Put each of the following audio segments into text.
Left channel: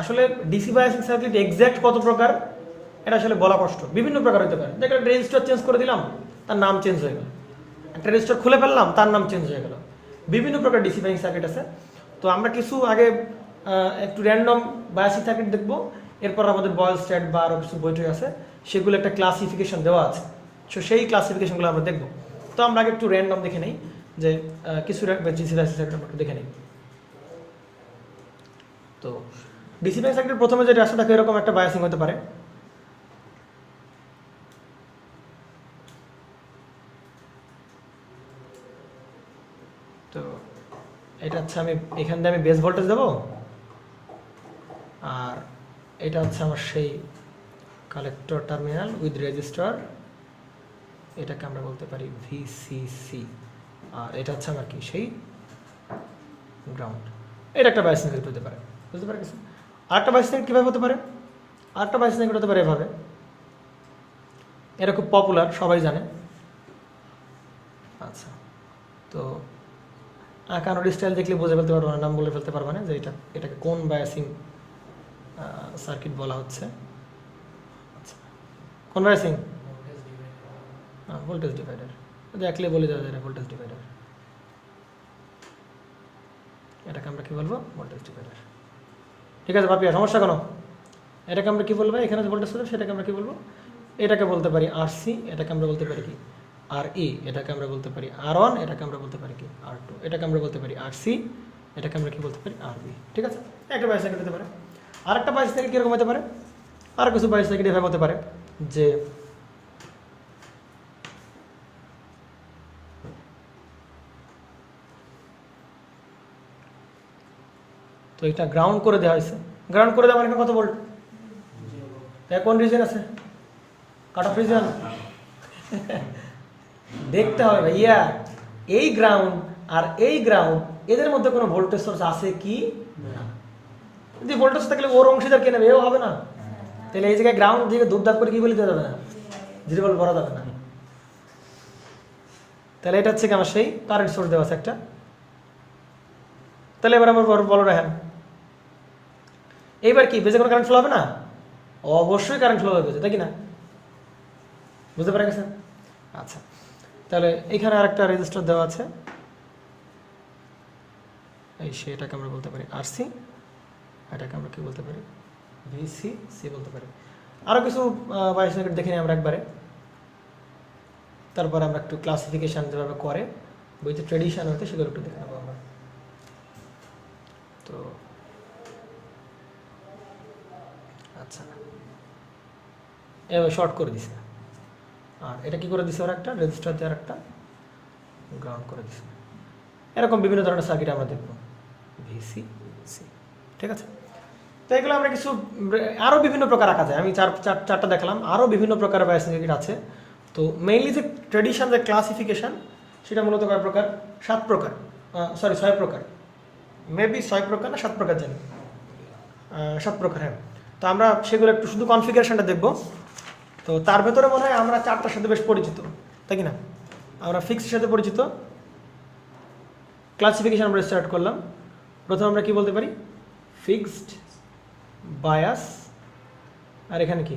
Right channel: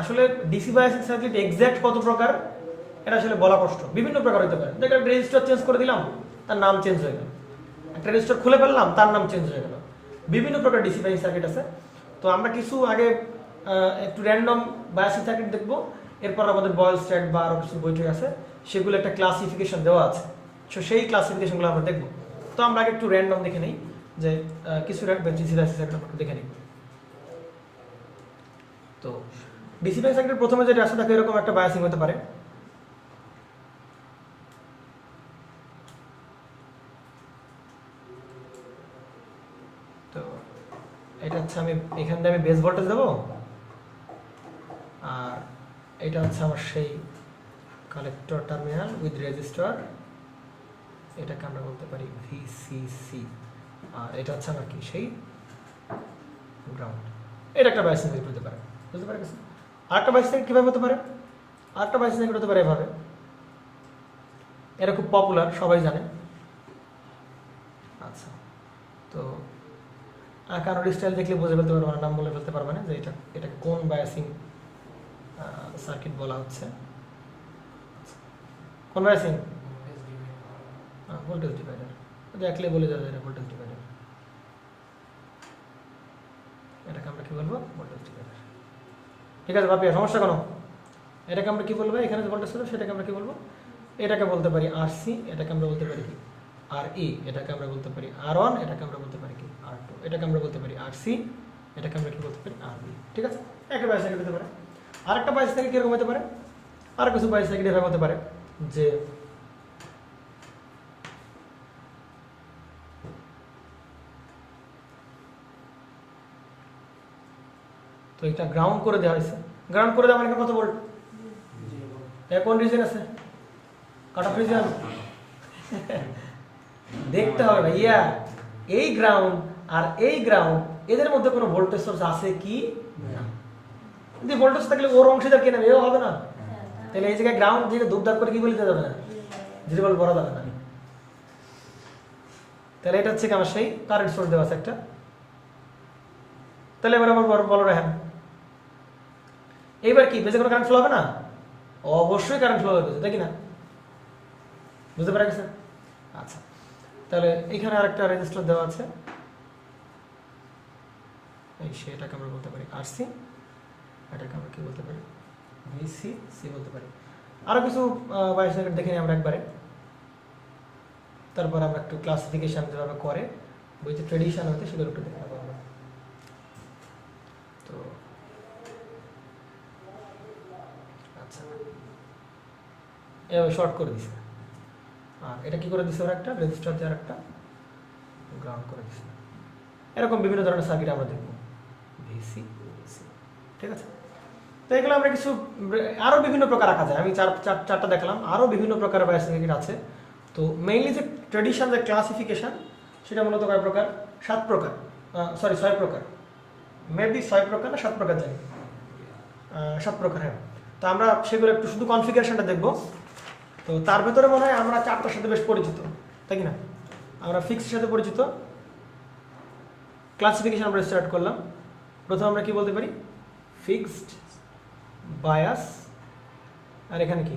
আসলে DC biasing circuit exact কত প্রকার এটা আসলে বলা কষ্ট, বিভিন্ন প্রকার হতে পারে। দেখো রেজিস্টার চেঞ্জ করে দিলাম, তার নাম চেঞ্জ হয়ে গেল। একটা রেজিস্টার খুলে ফেললাম, তার নাম চেঞ্জ হয়ে গেল। বিভিন্ন প্রকার ডিসি বায়াসিং সার্কিট আছে। তো আমরা কিছু আগে একটু র্যান্ডম বায়াসিং সার্কিট দেখবো, এরপর আমাদের বয়েল স্ট্যাট বা আরও কিছু বইটই আছে, সেগুলো একটা ক্লাসিফিকেশন দেওয়া আছে। সো সেই ক্লাসিফিকেশনগুলো আমরা দেখবো। তো আমরা আগে একটু র্যান্ডম দেখে নিই, যে কিছু ডিসি বায়াসিং সার্কিট দেখে নিই। তো ডিসি বায়াসিং সার্কিটের প্রথমে যেটা আছে, দেখো এরকম একটা বায়াসিং হতে পারে। তো এটা হচ্ছে আমি এখান দিয়ে আমি বেস ভোল্টেজ দেবো, আর এটা হচ্ছে আমার সেই কালেক্টর টার্মিনাল উইথ রেজিস্টার, এটাকে আমরা বলতে পারি ভিসিসি। আর এটা হচ্ছে আমার কি সেই গ্রাউন্ড। এটা একটা বায়াসিং সার্কিট হতে পারে, বুঝতে পারে গেছে? আরেকটা বায়াসিং সার্কিট কীভাবে হতে পারে? আরেকটা বায়াসিং সার্কিট হতে পারে এভাবে। এটা খুব পপুলার, সবাই জানে। আচ্ছা, তো কারোর স্টাইল দেখলে বুঝে ফেলতে পারবো না, নাম বলে ফেলতে পারবো না যে এটাকে কোন বায়াসিং সার্কিট বলা হচ্ছে। কোন বায়াসিং? Voltage divider. দেখলে বলে দেওয়া যায় ভোল্টেজ ডিভাইডার। এটাকে আমরা কি বলবো? Voltage divider. ঠিক আছে বাপিয়া, সমস্যা কেন? এটাকে আমরা কি বলবো? এখানে যে ভোল্টেজ ছিল সেটাকে আমরা কি বলবো? এটাকে বলতে পারি আরসি, এটাকে আমরা বলতে পারি কি আর ই, এটাকে আমরা বলতে পারি আর1, এটাকে আমরা বলতে পারি কি আর2, এটাকে আমরা বলতে পারি আরসি, এটাকে আমরা কি বলতে পারি আরবি। ঠিক আছে, একটা বায়াস সার্কিট হতে পারে। আরেকটা বায়াস সার্কিট কিরকম হতে পারে? আর কিছু বায়াস সার্কিট এভাবে হতে পারে যে তো এটা গ্রাউন্ড করে দেওয়া হয়েছে। গ্রাউন্ড করে দেওয়া মানে কত ভোল্ট? কোন রিজন আছে? কাট অফ রিজন দেখতে হবে ভাইয়া। এই গ্রাউন্ড আর এই গ্রাউন্ড, এদের মধ্যে কোনো ভোল্টেজ সোর্স আছে কি? যদি ভোল্টেজ থাকলে ওর অংশীদার কে নেবে? এও হবে না। তাহলে এই জায়গায় গ্রাউন্ড দিকে দুধ করে কি বলে দেওয়া যাবে না, 0 ভোল্ট বলা যাবে না। তাহলে এটা হচ্ছে কি আমার সেই কারেন্ট সোর্স দেওয়া আছে একটা। তাহলে এবার আমার বলো রাখেন, এইবার কি বেজে কোনো কারেন্ট ফ্লো হবে না? অবশ্যই কারেন্ট ফ্লো হবে, তাই কি না? বুঝতে পারা গেছে? আচ্ছা, তাহলে এখানে আরেকটা রেজিস্টার দেওয়া আছে, এই সেটাকে আমরা বলতে পারি আরসি, এটাকে আমরা কি বলতে পারি? ভিসিসি বলতে পারি। আরো কিছু বায়াস সার্কিট দেখে নিই আমরা একবারে, তারপরে আমরা একটু ক্লাসিফিকেশন যেভাবে করে বইতে ট্রেডিশন হইতে সেগুলো একটু দেখে নেবো আমরা। তো আচ্ছা, শর্ট করে দিছে, আর এটা কি করে দিছে? ওরা একটা রেজিস্টার দিয়ে একটা গ্রাউন্ড করে দিছে। এরকম বিভিন্ন ধরনের সার্কিট আমরা দেখবো, ভিসিসি। ঠিক আছে, তো এগুলো আমরা কিছু আরও বিভিন্ন প্রকার রাখা যায়। আমি চারটা দেখলাম, আরও বিভিন্ন প্রকারের বায়াস সার্কিট আছে। তো মেইনলি যে ট্রেডিশন, যে ক্লাসিফিকেশন, সেটা মূলত কয় প্রকার? 7 প্রকার, সরি 6 প্রকার, মেবি 6 প্রকার না 7 প্রকার জানি, 7 প্রকার। হ্যাঁ, তো আমরা সেগুলো একটু শুধু কনফিগারেশনটা দেখবো। তো তার ভেতরে মনে হয় আমরা 4টার সাথে বেশ পরিচিত, তাই কি না? আমরা ফিক্সের সাথে পরিচিত। ক্লাসিফিকেশন আমরা স্টার্ট করলাম। প্রথমে আমরা কি বলতে পারি? ফিক্সড, বায়াস, আর এখানে কি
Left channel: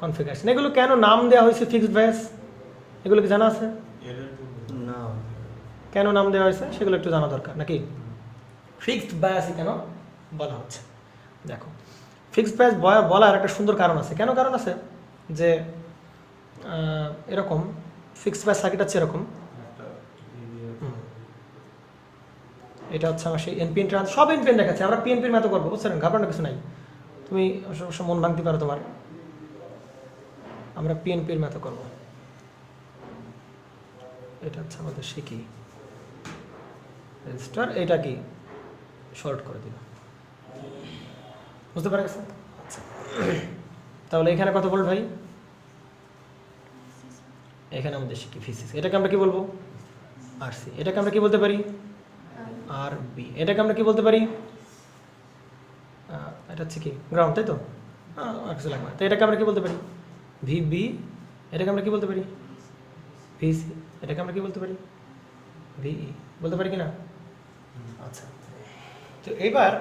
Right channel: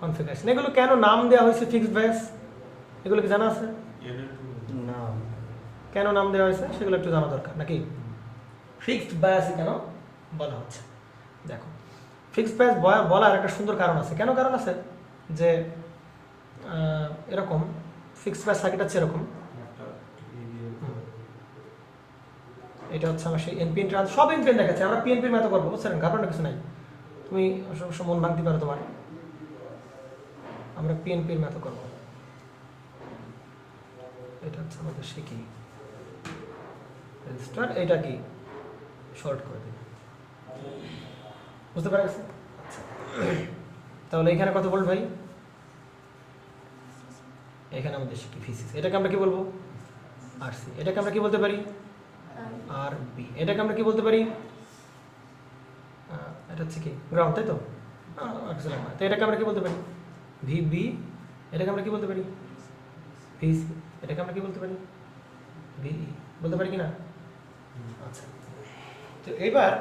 কনফিগারেশন। এগুলো কেন নাম দেওয়া হয়েছে ফিক্সড বায়াস, এগুলো কি জানা আছে? না, কেন নাম দেওয়া হয়েছে সেগুলো একটু জানা দরকার নাকি? ফিক্সড বায়াস কেন বলা হচ্ছে? দেখো, ফিক্সড বায়াস বলার একটা সুন্দর কারণ আছে। কেন কারণ আছে? যে এরকম ফিক্সড বায়াস সার্কিট আছে এরকম, এটা হচ্ছে আমার সেই এনপিএন ট্রান্স, সব এনপিএন দেখাচ্ছে। আমরা পিএনপির মতো করবো, বুঝছেন? ঘাবড়ানোর কিছু নাই, তুমি মন ভাঙতে পারো তোমার। আমরা পিএনপির মতো করবো। এটা হচ্ছে আমাদের সে কি রেজিস্টার, এটা কি শর্ট করে দিন, বুঝতে পারা গেছে? আচ্ছা, তাহলে এখানে কত ভোল্ট ভাই? এখানে আমাদের সে কি ভিসিসি, এটাকে আমরা কি বলবো? আরসি। এটাকে আমরা কি বলতে পারি? আর বি। এটাকে আমরা কি বলতে পারি? এটা হচ্ছে কি গ্রাউন্ড, তাই তো? তো এটাকে আমরা কি বলতে পারি? ভিবি। এটাকে আমরা কি বলতে পারি? ভিসি। এটাকে আমরা কি বলতে পারি? ভিই বলতে পারি কি না? আচ্ছা, তো এবার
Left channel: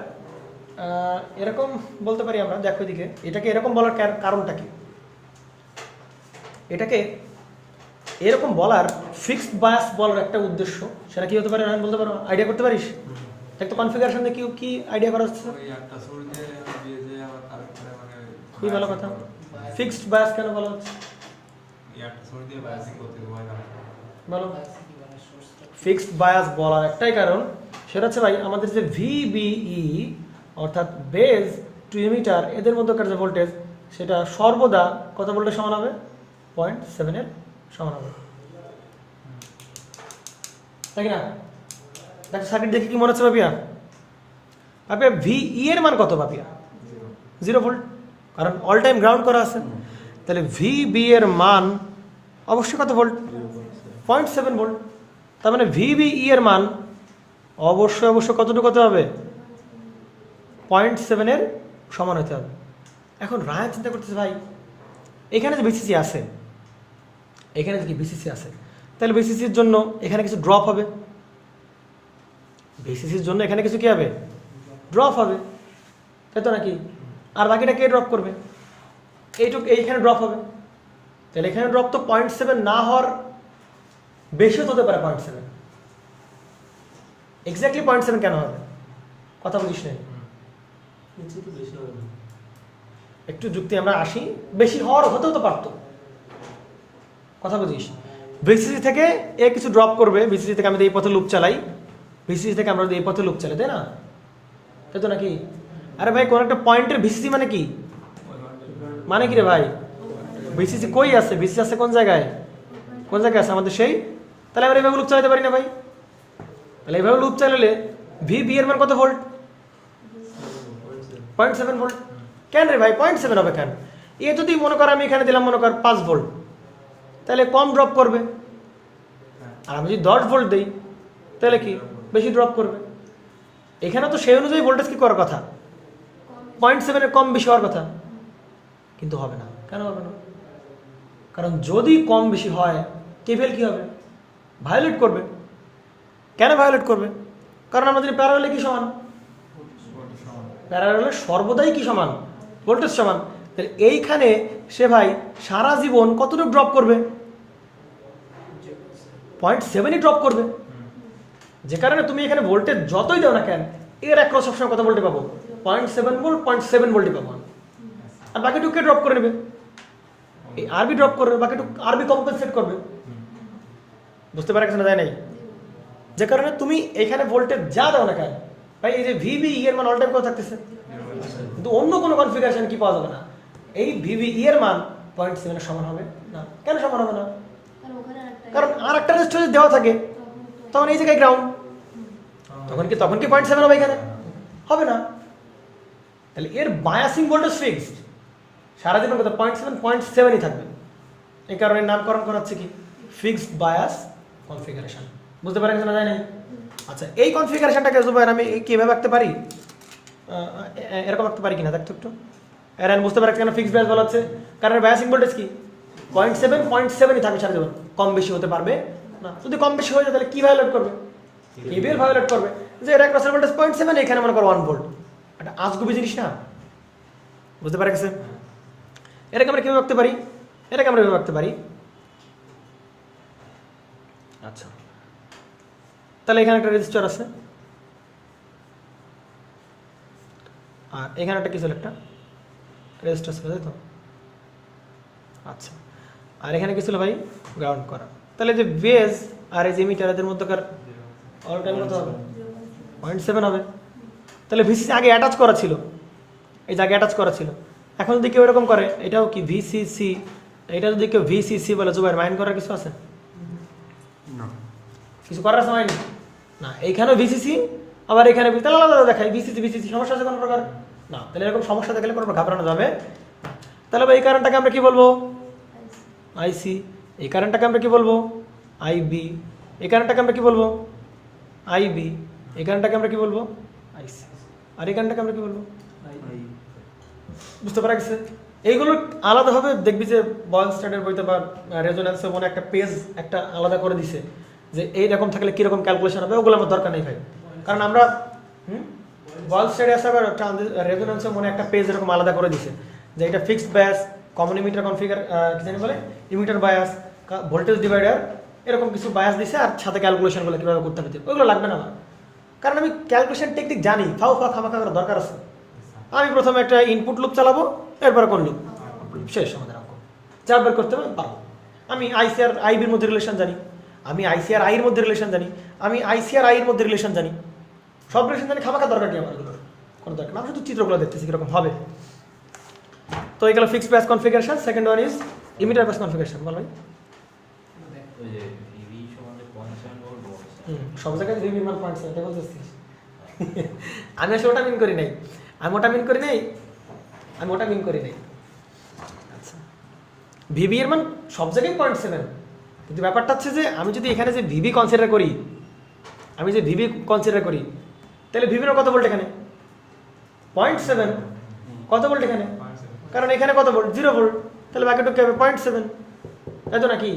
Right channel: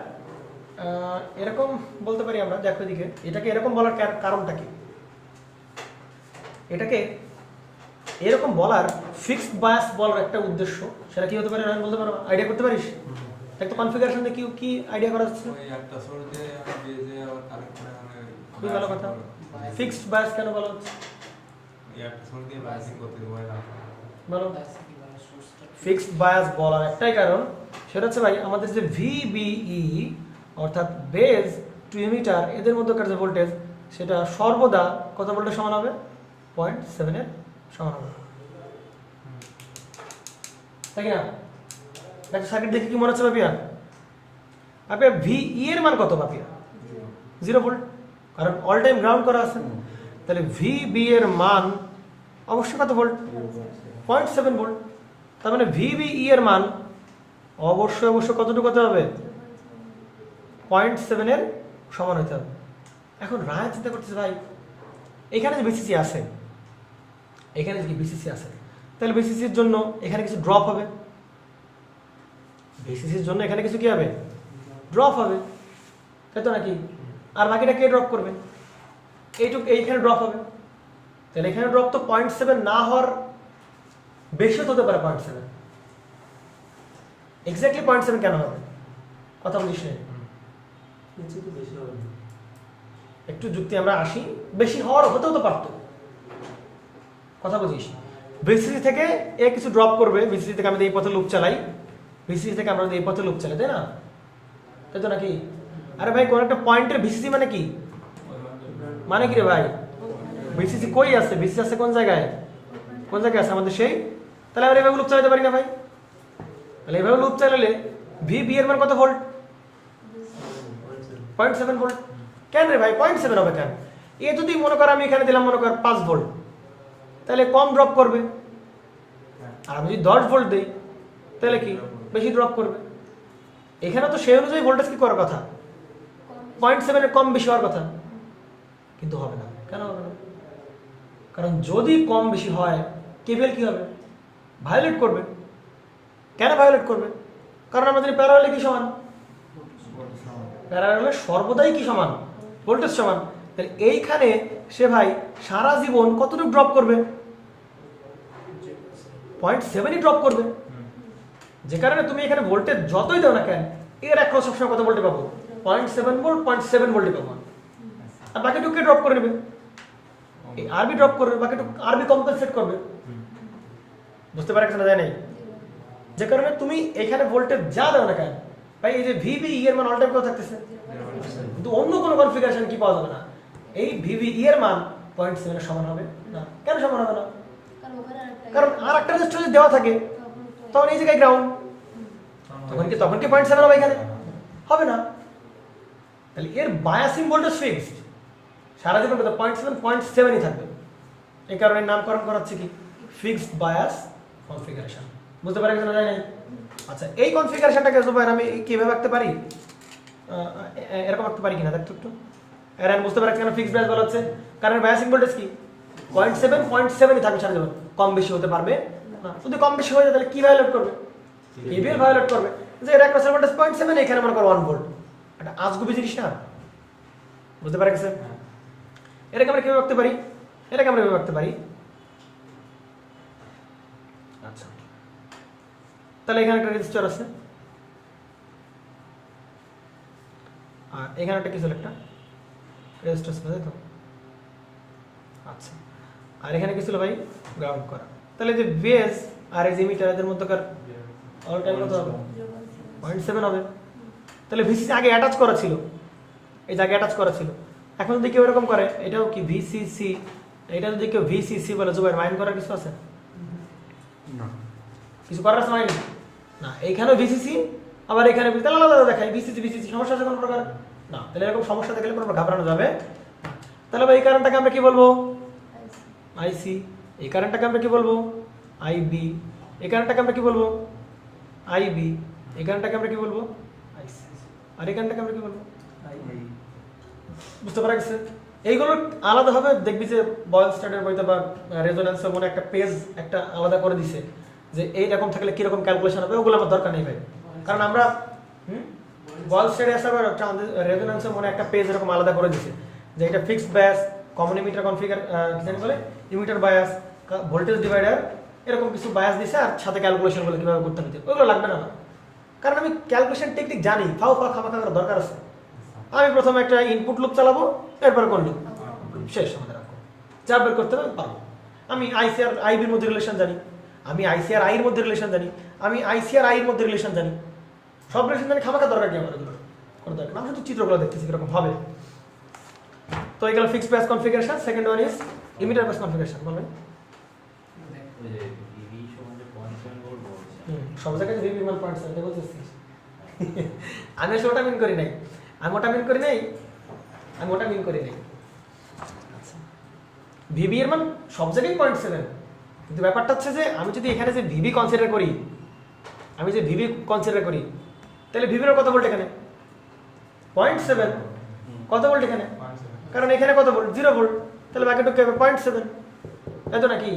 এরকম বলতে পারি আমরা, দেখো এদিকে, এটাকে এরকম বলার কারণটা কি? এটাকে এরকম বলার ফিক্সড বায়াস বলার একটা উদ্দেশ্য, সেটা কি হতে পারে আমি বলতে পারবো? আইডিয়া করতে পারিস? একটা কনফিগারেশন দিয়ে কি আইডিয়া করা যাচ্ছে? খুবই ভালো কথা। ফিক্সড বায়াস কেন বলা হচ্ছে বলো? ফিক্সড বায়াস বলার একটাই কারণ, সেটা হচ্ছে ভাই আমাদের যে ভিবিই অর্থাৎ বেজ টু ইমিটার এদের মধ্যকার যে ভোল্টেজ, সেটা সর্বদা কত ভোল্টের সমান হবে? 0.7 এর সমান হবে, তাই না? একটা সার্কিট দেখে কি মনে হচ্ছে পাপিয়া? পাপিয়া ভিই এর মান কত পাপিয়া? 0 ভোল্ট, কারণ অল টাইম গ্রাউন্ড করা আছে। তাহলে ভিবি এর মান অবশ্যই কত ভোল্ট? 0.7 ভোল্ট। তার মানে ভিবিই এর মান অবশ্যই কতটুকু হতে হবে? 0.7 এর সমান হতে হবে। এখন রায় চিন্তা করতেছে ভাই, এখানে যে বিসিসি আছে, এখানে কি বিসিসি আছে, তাহলে বিসিসির জন্য এখানে কিছু ড্রপ হবে, বিসিসির জন্য এখানে কিছু কি হবে? ড্রপ হবে, তাই তো নাকি? আর বাকিটা কে ড্রপ করবে? এইটুকু এইখানে ড্রপ হবে, তাহলে এখানে ড্রপ তো 0.7 না হওয়ার বেশি হতে পারে। 0.7 এক্স্যাক্টলি 0.7 কেন হবে? কথা বলিস না, একটু যুক্তি আমরা আসি। বেশি হওয়ার হতেও তো পারতো, কথা বুঝিস। বিসিসি থেকে এ কিছু ড্রপ করবে, বিসিসি থেকে আমি এই পথে লুপ চালাই, বিসিসি থেকে আমরা এই পথে লুপ চালাই, তাই না? তাই তো নাকি? আরে ভাই কোন একটা পয়েন্টের ভিসিসি মানে কি? মানে কি রে ভাই? ভিসিসি কই আছে? ভিসিসি আছে কোন জায়গায়? কোন জায়গায় আছে আমাদের সেই? তাহলে আমরা এভাবে লুপ চালাতে পারি না ভাই? তাহলে এভাবে লুপ চালালে ভিবি এর মান কত ভোল্ট? 0.7 ভোল্ট। কেন রে ভাই 0.7 হবে কেন? এ যদি মনে কর আমি এখানে দিলাম মনে কর 5 ভোল্ট, তাহলে কম ড্রপ করবে। আর আমি যদি 10 ভোল্ট দিই তাহলে কি বেশি ড্রপ করবে? এখানে তো সেই অনুযায়ী ভোল্টেজ কি করার কথা? 0.7 এর কম বেশি হওয়ার কথা, কিন্তু হবে না। কেন হবে না? কারণ যদি কম বেশি হয় কেভিএল কি হবে? ভায়োলেট করবে। কেন ভায়োলেট করবে? কারণ আমরা জানি প্যারালালে কি সমান? প্যারালালে সর্বদাই কি সমান? ভোল্টেজ সমান। তাহলে এইখানে সে ভাই সারা জীবন কতটুকু ড্রপ করবে? 0.7 ড্রপ করবে। যে কারণে তুমি এখানে ভোল্টেজ যতই দাও না কেন, এর অ্যাক্রস সবসময় কত ভোল্টে পাবো? 0.7 ভোল্ট, 0.7 ভোল্টে পাবো। আর বাকিটুকু ড্রপ করে নেবে, এই আরবি ড্রপ করবে, বাকিটুকু আরবি কম্পেনসেট করবে। বুঝতে পারছ না? যায় নাই? যে কারণে তুমি এখানে ভোল্টেজ যা দাও না কেন ভাই, এই যে ভিবিই এর মান অল টাইম কত থাকতেছে, কিন্তু অন্য কোনো কনফিগারেশন কি পাওয়া যাবে না। এই ভিবিই এর মান 0.7 এর সমান হবে না। কেন সমান হবে না? কারণ আর একটা রেজিস্ট্যান্স দেওয়া থাকে, তখন এই জায়গায় গ্রাউন্ড, তখন কি 0.7 হবে? এখানে হবে না। তাহলে এর বায়াসিং ভোল্টেজ ফিক্সড, সারা জীবন কত? 0.7 থাকবে। এই কারণে নামকরণ করা হচ্ছে কি ফিক্সড বায়াস কনফিগারেশন। বুঝতে পারা গেছে না? যায় নাই? আচ্ছা, এই কনফিগারেশনটাকে জুবাইর আমি কিভাবে আঁকতে পারি? এরকম আঁকতে পারি কিনা দেখতো একটু। এর আমি বুঝতে পারছি কেন ফিক্সড বায়াস বলা হচ্ছে, কারণ বায়াসিং ভোল্টেজ কি 0.7 থাকবে সারা জীবন, কম বেশি হতে পারবে না। যদি কম বেশি হয়ে যায় তাহলে কি ভায়োলেট করবে? কেভিএল ভায়োলেট করবে। যে এর একটা ভোল্টেজ 0.7, এখানে মনে করো 1 ভোল্ট, এটা আজগুবি জিনিস না? বুঝতে পারা গেছে? এটাকে আমরা কিভাবে আঁকতে পারি? এটাকে আমরা কিভাবে আঁকতে পারি? আচ্ছা, তাহলে এখানে একটা রেজিস্টার আছে, আর এখানে একটা কিছু একটা রেজিস্টার আছে, তাই তো? আচ্ছা, আর এখানে কি ছিল ভাই? গ্রাউন্ড করা। তাহলে যে বেস আর এই যে মিটার এর মধ্যকার অল টাইম কত হবে? 0.7 হবে। তাহলে ভিসিসি আগে অ্যাটাচ করা ছিল, এই জায়গায় অ্যাটাচ করা ছিল। এখন যদি কেউ এরকম করে, এটাও কি ভিসিসি, এটা যদি কেউ ভিসিসি বলে, জুবাইর মাইন্ড করার কিছু আছে? না, কিছু করার আছে মাইন্ড না। এইখানেও ভিসিসি, আবার এখানে তাহলে আলাদা দেখায় ভিসিসি সমস্যা আছে কোনো প্রকার না। তাহলে এরকম সমস্যা থাকলে কোনো ঘাবড়ানো যাবে। তাহলে এই কারেন্টটাকে আমরা কি বলবো? আইসি। এই কারেন্টটাকে আমরা কি বলবো? আইবি। এই কারেন্টটাকে আমরা কি বলবো? আইবি। এই কারেন্টটাকে আমরা কি বলবো? আইসি। আর এই কারেন্টটাকে আমরা কি বলবো? বুঝতে পারা গেছে? এইগুলো আলাদাভাবে দেখবি যে বয়েলস্টাডের বইতে বা রেজোন্যান্সে মনে একটা পেজ একটা আলাদা করে দিছে যে এইরকম থাকলে কিরকম ক্যালকুলেশন হবে, ওগুলো আমার দরকার নেই ভাই। কারণ আমরা বল স্টেডে আসার পর রেজোনেন্সের মনে একটা পেজ এরকম আলাদা করে দিছে যে এটা fixed bias, common emitter configure কি জানি বলে, ইমিটার বায়াস, ভোল্টেজ ডিভাইডার, এরকম কিছু বায়াস দিছে আর সাথে ক্যালকুলেশনগুলো কীভাবে করতে হবে ওগুলো লাগবে না আমার, কারণ আমি ক্যালকুলেশন টেকনিক জানি, খামাখা করার দরকার আছে। আমি প্রথমে একটা ইনপুট লুপ চালাবো, এরপর কোন লুপ শেষ, আমাদের যা বের করতে হবে পারবো। আমি আইসিআর আইবির মধ্যে রিলেশন জানি, আমি আইসিআর আইয়ের মধ্যে রিলেশন জানি, আমি আইসিআর আইয়ের মধ্যে রিলেশন জানি, সব রিলেশন জানি, খামাখা দরকার কি আমার এগুলো কোনো দরকার না, আমি শুধু চিত্রগুলো দেখতেছি কীরকম হবে। তো এগুলো fixed bias configuration. Second one is emitter bias configuration. বলবেন সব জায়গায় ভিভি মান 0.7 বলতেছিস আমি আসলে ওটা মিন করি নাই, আমি ওটা মিন করি নাই। ভিভি এর মান সব জায়গায় 0.7, কিন্তু ব্যাপারটা হচ্ছে যে আমি যদি এখানে যে ভিভি কনসিডার করি, তাহলে ভিভির কত ভোল্ট এখানে 0.7, কত ভোল্ট এখানে, কারণ এখানে কত ভোল্ট 0 ভোল্ট, তাহলে বাকিটুকু হবে 0.7, এত নাকি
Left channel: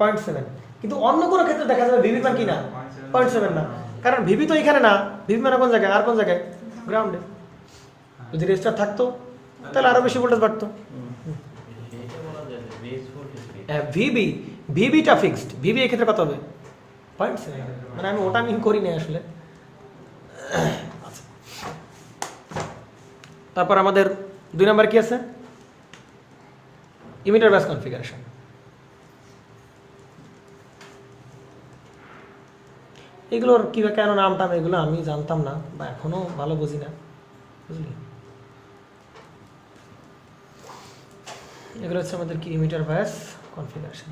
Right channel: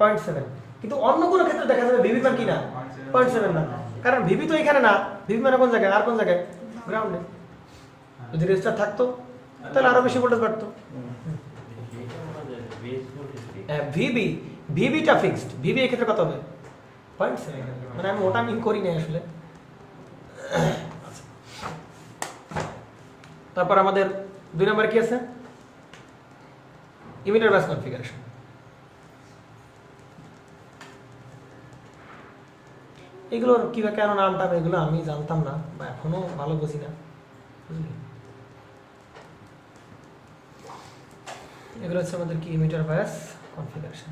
0.7। কিন্তু অন্য কোনো ক্ষেত্রে দেখা যাবে ভিভি মান কি না 0.7 না, কারণ ভিভি তো এখানে না, ভিভি মানে কোন জায়গায়, আর কোন জায়গায় গ্রাউন্ডে। যদি রেজিস্টার থাকতো তাহলে আরো বেশি ভোল্টেজ বাড়তো। ভিভিটা ফিক্সড, ভিভি এই ক্ষেত্রে কত হবে 0.7, মানে আমি ওটা মিন করি না আসলে। তারপর আমাদের 2 নাম্বার কি আছে, ইমিটার বায়াস কনফিগারেশন। এগুলোর কিভাবে কেন নামটা এগুলো আমি জানতাম না বা এখনো ভালো বুঝি না, বুঝলি। এগুলো হচ্ছে আমাদের কি ইমিটার বায়াস কনফিগারেশন।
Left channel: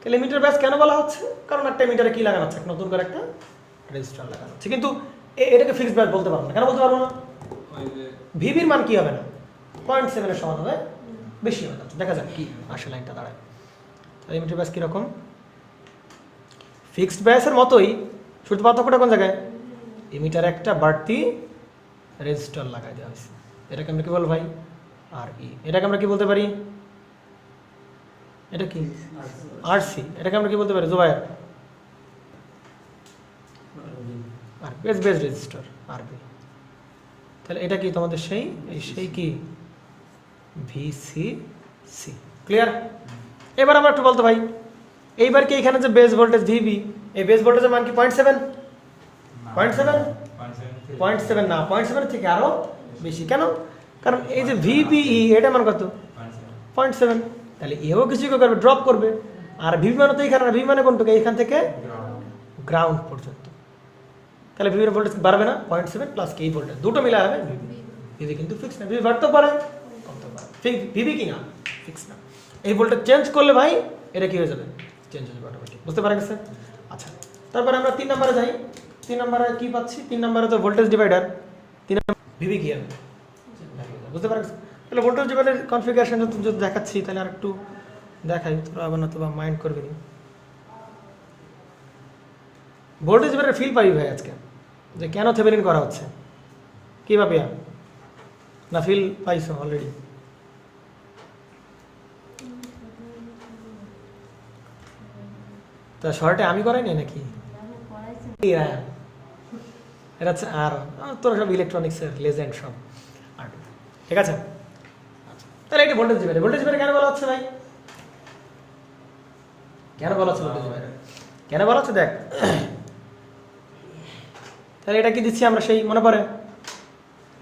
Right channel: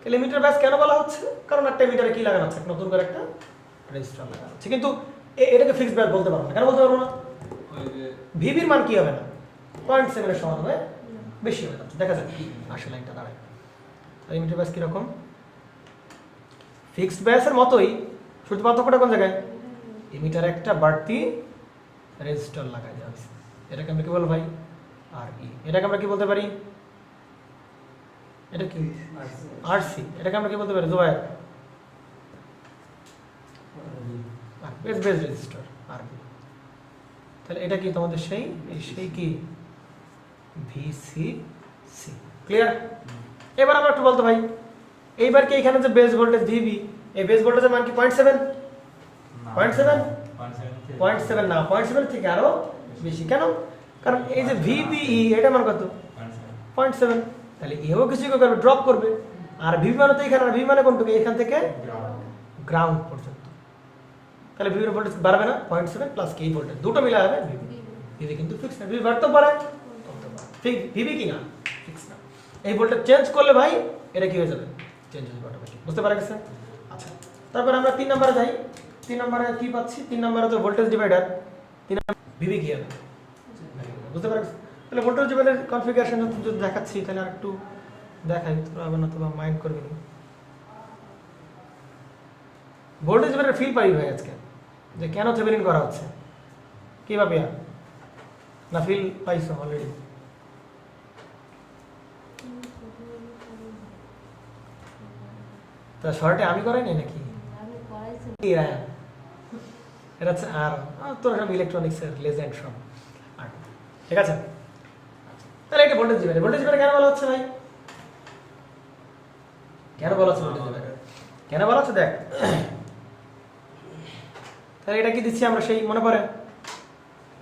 তাহলে ইমিটার বায়াস কেন বলা হচ্ছে, কারণ একটা ইমিটারে কি লাগানো হচ্ছে, নতুন করে একটা রেজিস্টার লাগানো হচ্ছে, কিন্তু এটাকে ফিক্সড বায়াস বলতে পারবো না। কেন বলতে পারবো না, ভিভির মান কি হবে না 0.7 এর সমান হবে, বেশি হবে। দেখা যাক কি আসলে একটা দাঁড়ায়। ইমিটার বায়াস কিরকম, ফিক্সড বায়াসের মতোই, শুধু পার্থক্যটা কোন জায়গায়, ইমিটার একটা বাড়তি রেজিস্টার লাগাই দেওয়া হয়েছে, এটাকে আমরা কি বলবো ভাই, আর ই। এটাকে আমরা কি বলতে পারি, এটা কি আরসি, এটাকে আমরা কি বলতে পারি জোয়ার, বেস রেজিস্টার আরবি। তাহলে এটা কি তোমাদের সেই কি ভিসিসি, ক্লিয়ার। এবার আমরা একটু বলতো ভাই, এইবার কি এখানে যে বেস ভোল্টেজ ভিভি, এই বেস ভোল্টেজের মান কি 0.7 না 0.7 থেকে আরো বেশি। কেন, কারণ এই যে ভিবিই এটা মান কত 0.7, তাহলে এও কিছু করবে ড্রপ করবে, আর ভিভি মানে তো এখানে, ভিভি মানে কোনটুকু এখান থেকে গ্রাউন্ড পর্যন্ত, তাহলে ভিভির ভোল্টেজ বাড়বে না 0.7 প্লাস কি ভোল্টেজ দুটো মিলে হবে ভিভি কিন্তু ফিক্স না, ভিভি বাড়তে পারে, ভিভি কি না ফিক্স না। এই ভোল্টেজ চেঞ্জ করলে ভাই এটা কি হয়ে যাবে, চেঞ্জ হয়ে যাবে, বুঝতে পারা গেছে। আচ্ছা, তারপরে আমরা 3 নম্বরে যাই। 3 নম্বরে কি পাচ্ছি, 3 নম্বরে তো ভোল্টেজ ডিভাইডার, 3 নম্বরে ভিভি কি হবে বুঝতে পারা গেছে। তাহলে ভোল্টেজ ডিভাইডার কনফিগারেশন যদি দেখাচ্ছি, তাহলে আর একটু দেখাই, তোরা আবার না তো মাইন্ড করবি না। ভোল্টেজ ডিভাইডার ফিল পাই ভাই আজকে, যে কেন থেভেনিন করা হচ্ছে, কি ভাবে না ফিল পাইছো অলরেডি, তা শর্টে আমি করাই নাই নাকি, এটা হচ্ছে আর তোর সব ইলেকট্রনিক্সের লেজেন্ড সব, ঠিক আছে। তাহলে এটা ভোল্টেজ ডিভাইডার, ভোল্টেজ ডিভাইডার কেন বলা হচ্ছে ভাই, কেন বলা হচ্ছে ভোল্টেজ ডিভাইডার, কেন বলা হচ্ছে দেখ। তাহলে এটা কি দিচ্ছি আমরা, সেই মনে পড়ে,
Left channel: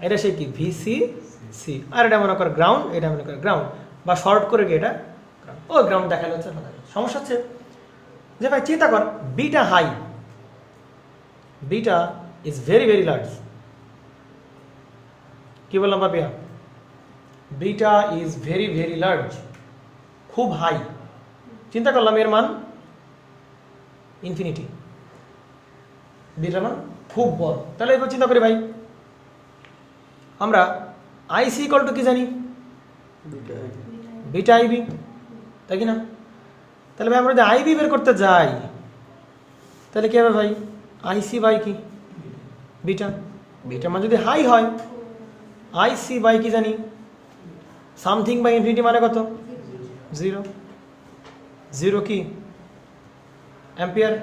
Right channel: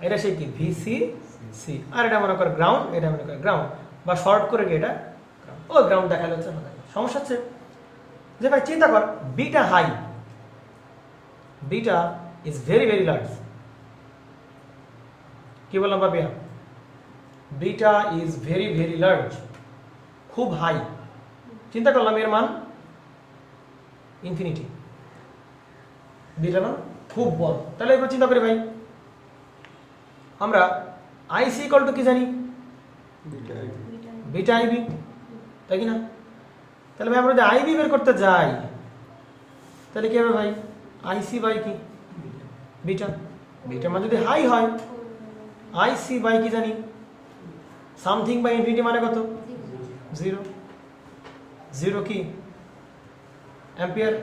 এটা সেই কি ভিসিসি, আর এটা মনে কর গ্রাউন্ড, এটা মনে কর গ্রাউন্ড, বা শর্ট করে কি এটা ও গ্রাউন্ড দেখানো হচ্ছে। সমস্যা হচ্ছে যে ভাই চিন্তা কর, beta high, beta is very very large, কি বললাম বাপিয়া, beta is very very large, খুব হাই। চিন্তা করলাম এর মান ইনফিনিটি, বিটার মান খুব বড়। তাহলে এবার চিন্তা করি ভাই, আমরা আইসি ইকুয়াল টু কি জানি, বিটা আইবি, তাই কি না। তাহলে ভাই আমরা যদি আইবি বের করতে যাই, তাহলে কি হবে ভাই, আইসি বাই কি বিটা, বিটার মান যদি হাই হয়, আইসি বাই কি জানি সামথিং বাই ইনফিনিটি মানে কত 0, 0 কি অ্যাম্পিয়ার।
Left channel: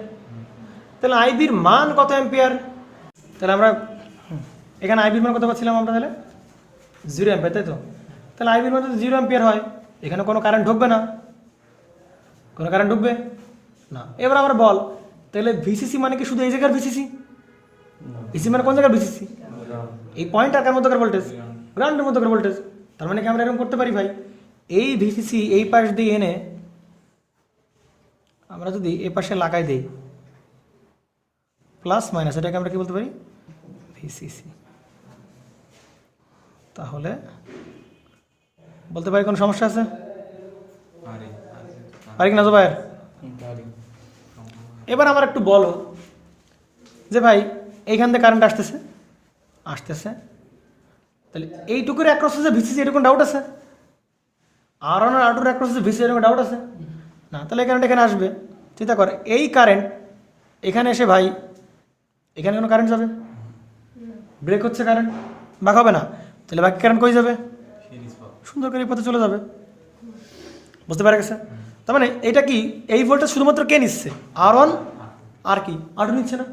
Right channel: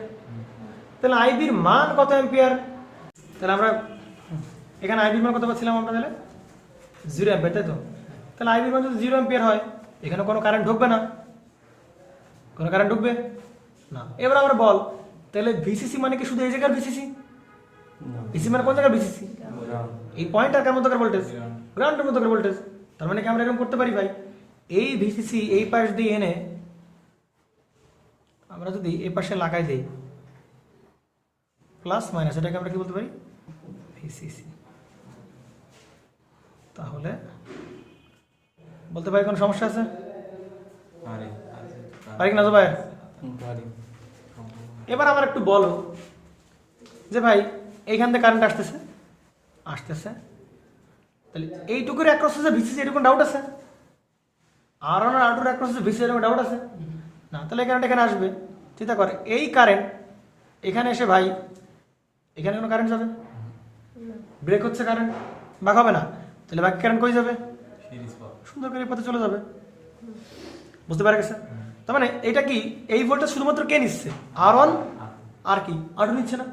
তাহলে আইবির মান কত অ্যাম্পিয়ার, তাহলে আমরা এখানে আইবির মান কত পাচ্ছিলাম আমরা? তাহলে 0 অ্যাম্পিয়ার, তাই তো? তাহলে আইবির মান যদি 0 অ্যাম্পিয়ার হয়, এখানে কোনো কারেন্ট ঢুকবে না, কোনো কারেন্ট ঢুকবে না। এবার আবার বল, তাহলে ভিসিসি মানে কি শুধু এই জায়গার ভিসিসি? ভিসি মানে কোন জায়গার ভিসিসি? এই পয়েন্ট আর মধ্যকার ভোল্টেজ, গ্রাউন্ডের মধ্যকার ভোল্টেজ। তার মানে কি আমরা এরকম করতে পারি ভাই, এই ভিসিসি এই পাশ দিয়ে এনে আমরা যদি এই পাশে লাগাই দিই প্লাস মাইনাস, এটাকে আমরা কি বলতে পারি? ভিসিসি। তাহলে বলতে পারি কোনো সমস্যা আছে? পারি কি না ভাই? এবার আমার একটু বলো যে ভাই এইখান থেকে কারেন্ট আসতেছে আসতেছে, তাহলে এইটুকুর অ্যাক্রস আছে ভিসিসি, এরকম ডাউট আছে? আর আউটর অ্যাক্রস আছে ভিসিসি, এরকম ডাউট আছে না? তাহলে এই কারেন্ট এখানে আসবে, চিন্তা কর, এই কারেন্ট এখানে এসে ভাই এখানে কোনো কারেন্ট যাবে? ব্রেক হচ্ছে কারেন্ট, বাক হবে না, তাহলে বাকি কারেন্ট কই যাবে? সুন্দর করে এই পথে চলে যাবে। বুঝতে পারা গেছে? তার মানে এটা কি, এই ভোল্টেজ শুধুমাত্র কে নিচ্ছে? R1 আর কি R2 নিচ্ছে না?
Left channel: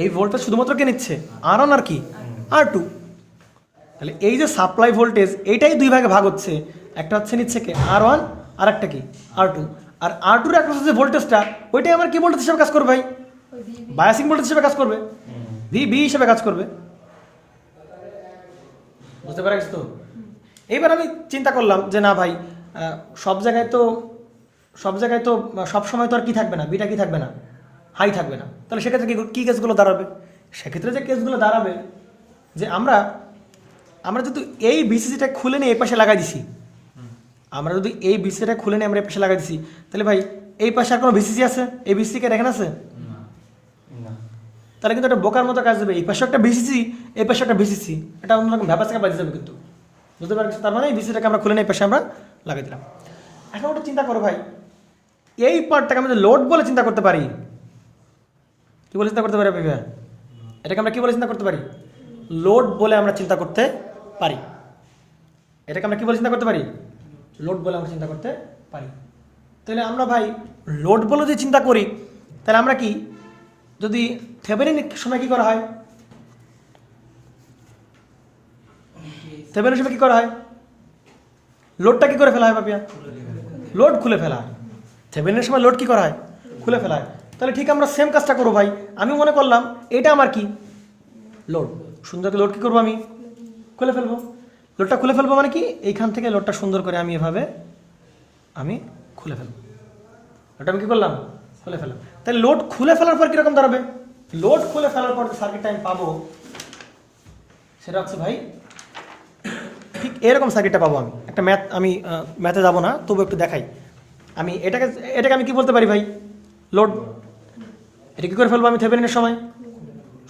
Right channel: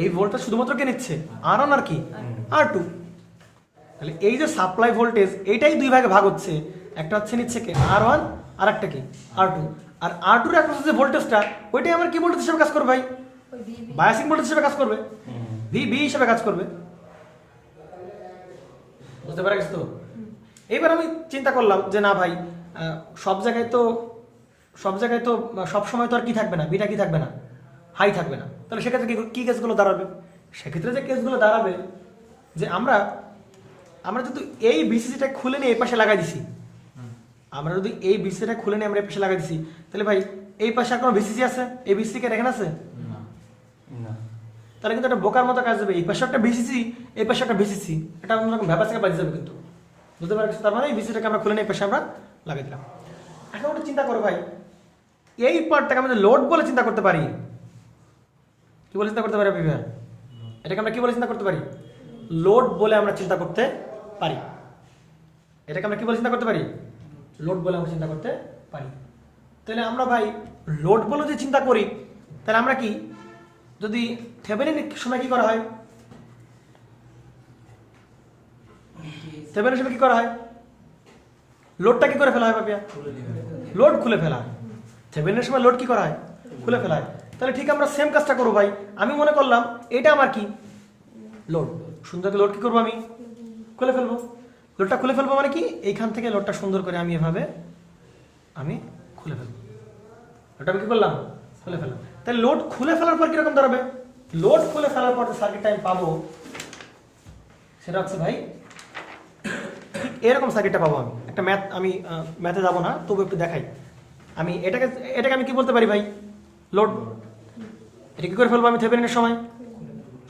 এই ভোল্টেজ শুধুমাত্র কে নিচ্ছে? R1 আর কি R2। তাহলে এই যে সাপ্লাই ভোল্টেজ, এইটাই দুই ভাগে ভাগ হচ্ছে, একটা হচ্ছে নিচ্ছে কে R1 আর একটা কি R2। আর R2 এর একটা যে ভোল্টেজটা, ওইটাই আমার কি ভোল্টেজ হিসেবে কাজ করবে ভাই? বায়াসিং ভোল্টেজ হিসেবে কাজ করবে, VB হিসেবে কাজ করবে। বুঝতে পারা গেছে তো? এইবার আমি চিন্তা করলাম যে না ভাই, সব জায়গায় তো সব সময় তো আর কি থাকবে না, বিটা কি থাকবে না, হাই থাকবে না। তাহলে সেক্ষেত্রে কি কেসগুলো দাঁড়াবে? সেক্ষেত্রে যে কেসগুলো দাঁড়াবে যে আমরা যদি এই ভিসিসিটা খুলে নিয়ে এই পাশে লাগাই দিছি, আমরা যদি এই ভিসিসিটা খুলে নিয়ে আমরা এই পাশে লাগাই দিছি, তাহলে ভাই এই পাশে আর কোনো ভিসিসি আছে? এই ভিসিসি কে দেখেন আছে? তাহলে কিন্তু একটা বোকার মতো কাজ দেবে, এই পাশে একটা ভিসিসি, এই পাশে একটা ভিসিসি, এটা অন্যরকম ভ্যাপার থেকে বাজে যাবে কিন্তু। বুঝতে পারছি? তার মানে এই ভিসিটাকে আমরা খুলে নিয়ে এই পাশে আমরা লাগিয়ে দিলাম। এখন ওটা চিন্তা করো ভাই, এই পার্টটাকে আমি লোড বলে চিন্তা করতে পারি। কি বলে চিন্তা করতে পারি ভাই? এটাকে আমরা কি বলে চিন্তা করতে পারি? লোড বলে আমরা চিন্তা করতে পারি। এটাকে আমরা কি বলে চিন্তা করতে পারি? লোড বলে আমরা চিন্তা করতে পারি। তাহলে আমরা ভাই লোড বলে যদি চিন্তা করি, তাহলে আমরা কি, যদি থেভেনিন সময় কি করা হয়? থেভেনিন সময় কি করা হয়? লোডটা কি করে ফেলা হয় পাপিয়া? লোড খুলে ফেলা হয়। থেভেনিনের সময় লোড কি করা হয়? খুলে ফেলা হয়। তাহলে ঠিক আমরা সেম কাজটা করবো ভাই। আমি মনে করলাম এটা আমার কি লোড, সুন্দর লোড কি করবো আমি? খুলে ফেলবো। লোডটা খুলে ফেলবো মানে কি, এইখান থেকে লোডটা সুন্দর করে আমি এভাবে আমি খুলে ফেলবো। ওটা আমি কি করলাম? খুলে ফেলবো। তাহলে লোড খুলে ফেলার পর কিরকম দাঁড়াবে? লোড খুলে ফেলার পর যে সার্কিটটা আমি পাবো সেটা হচ্ছে ভাই ঠিক এরকম সার্কিটটা পাবো আমি। একটা আমি ম্যাথে যাবো না, তবু একটু দেখাই। আমি এটাকে আমি কি বলতে পারি ভাই? লোড। এটা কি করে ফেলবো আমি? থেভেনিনের সময়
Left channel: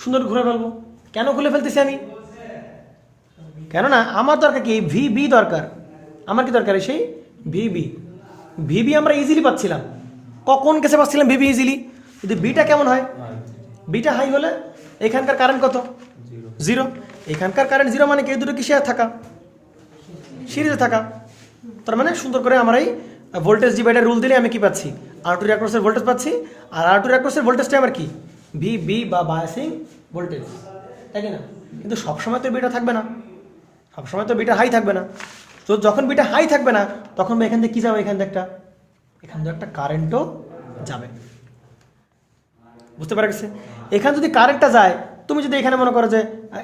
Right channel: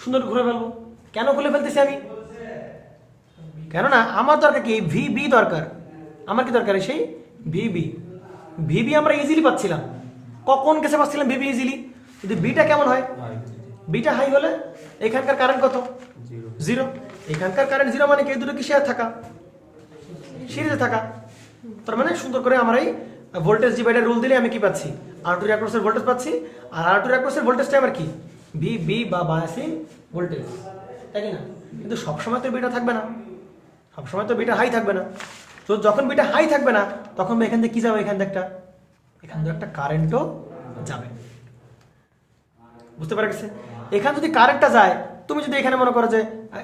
সুন্দর ঘুরে ফেলবো। কেন খুলে ফেলতেছি আমি? কেননা আমার দরকার কি? ভিবি দরকার। আমার কি দরকার? সেই ভিবি আমরা ইজিলি পাচ্ছিলাম। কখন কেসে পাচ্ছিলাম ভিবি ইজিলি? যদি বিটা কেমন হয়? বিটা হাই হলে এখানকার কারেন্ট কত? 0। এখানকার কারেন্ট 0 মানে কি এই দুটো কি শেয়ার থাকা, সিরিজে থাকা। তার মানে সুন্দর করে আমার এই ভোল্টেজ ডিভাইডার রুল দিলে আমি কি পাচ্ছি? R2 অ্যাক্রসের ভোল্টেজ পাচ্ছি। আর R2 অ্যাক্রসের ভোল্টেজটা আমার কি? ভিবি বা বায়াসিং ভোল্টেজ, তাই না? কিন্তু সবসময় তো বিটা থাকবে না, সবসময় তো বিটা হাই থাকবে না। তো যখন বিটা হাই থাকবে না, তখন এখান থেকে কি যাবে? এখান থেকে একটা কারেন্টও যাবে। বুঝতে পারা গেছে? এখান যদি কারেন্টটা যায়, তুমি যদি এখানে মনে করো যে